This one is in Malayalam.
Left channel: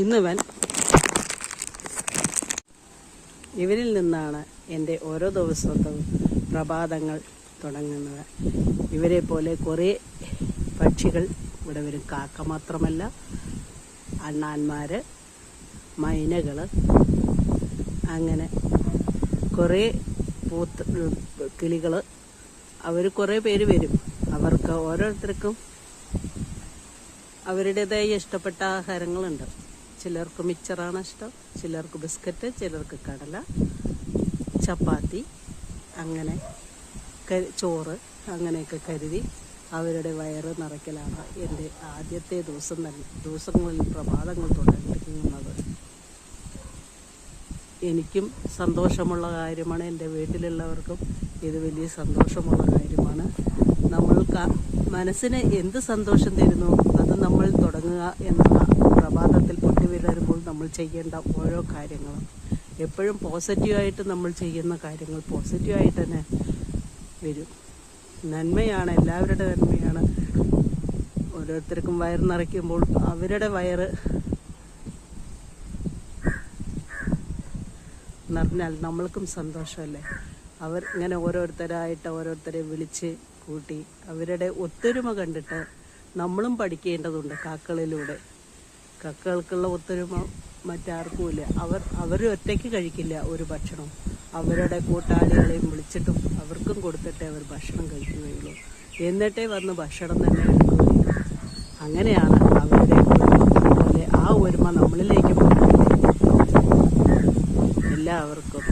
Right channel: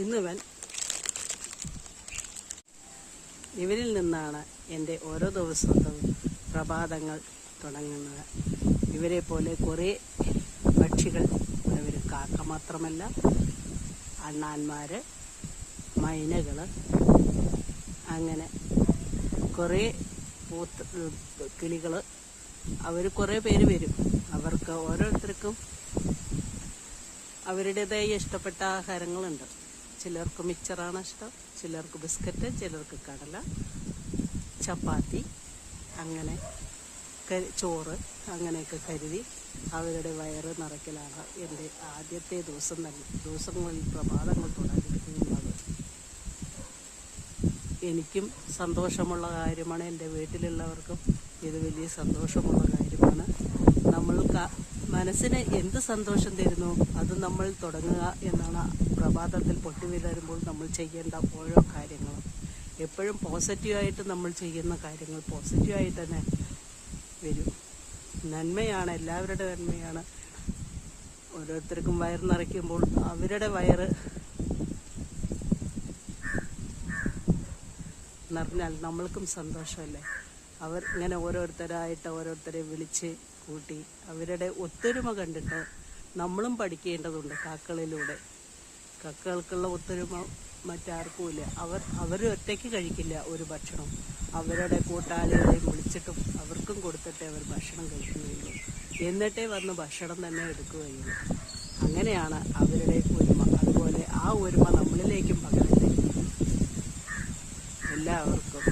ഇന്നിവൻ ഇവരിൽ നിന്നാണ് എൻ്റെ ഓരോ ദിവസവും പ്രഭാതങ്ങൾ തുടങ്ങുന്നത്. ഇവരെ പോലെ കുറേ പക്ഷികൾ ഇവിടെ വരും. കാക്ക മാത്രമല്ല, അണ്ണാന്മാര്, മൈനകൾ, അങ്ങനെ കുറേ കിളികൾ, അവർ കുറേ പേര് വരും. അവർക്ക് ഓരോരുത്തർക്കും അവരുടേതായ ഇഷ്ടപ്പെട്ട ആഹാരങ്ങളുണ്ട്. ചിലർക്ക് മിച്ചറാണ് ഇഷ്ടം, ചിലർക്ക് ബിസ്ക്കറ്റ്, ചിലർക്ക് കടല, ചപ്പാത്തി, അങ്ങനെ ചോറ്, അങ്ങനെയൊക്കെ കരുതി അവരുടെ വയറ് നിറയ്ക്കലാണ് എൻ്റെ ആദ്യത്തെ ദിവസങ്ങളിൽ പ്രഭാതങ്ങൾ തുടങ്ങുന്നത്. എനിക്കും സന്തോഷമുള്ള കാര്യമാണ്, എൻ്റെ വീട്ടിലുള്ളവർക്കും ഇത് വലിയ സന്തോഷമുള്ള കാര്യമാണ്. നമ്മൾക്ക് മനസ്സിന് എന്ത് സന്തോഷം തരുന്നു അത് നമ്മൾ തുടങ്ങുക എന്നുള്ള പ്രഭാതത്തിൽ പൊട്ടി വരുമ്പോൾ നമ്മൾ ചെയ്യേണ്ട ഓരോ കാര്യങ്ങളും എപ്പോഴും പോസിറ്റീവായിട്ട് നമ്മൾ ചെയ്യുന്ന കാര്യങ്ങൾ പോസിറ്റീവായിട്ട് തന്നെ വരും. നന്മയാണ്, എല്ലാവരുടെ നന്മയാണ്. ഓരോരുത്തർക്കും വയറ് നിറയ്ക്കുമ്പോൾ അവരുടെ വയറ് നിറഞ്ഞാൽ നമ്മൾക്കും സന്തോഷമല്ലേ. അവർ ഇങ്ങനെ ഓരോരുത്തരെ വിളിച്ച് കൂട്ടി അവരുടെ ഒത്തൊരുമ കണ്ടിട്ട് നമ്മളും പഠിക്കേണ്ടതുണ്ട്. കാക്കകളിലൂടെ കാക്കകൾക്കുള്ള ഒത്തൊരുമ മറ്റാർക്കുമില്ല. അവർ ഒറ്റയ്ക്ക് കഴിക്കില്ല ഒരു ഭക്ഷണം. അവരുടെ കൂട്ടാളികളെയും വിളിച്ചിട്ടും അവർക്കും കൊടുത്തിട്ടേ അവർ ഭക്ഷണം കഴിക്കുകയുള്ളൂ. എന്നിട്ടേ വന്ന് ഭക്ഷണം തന്നെ എടുക്കുകയുള്ളൂ. അങ്ങനെയാണ് അവരുടെ അതുപോലെ ആ ഒരുമ നമ്മളിലേക്ക് എല്ലാവർക്കും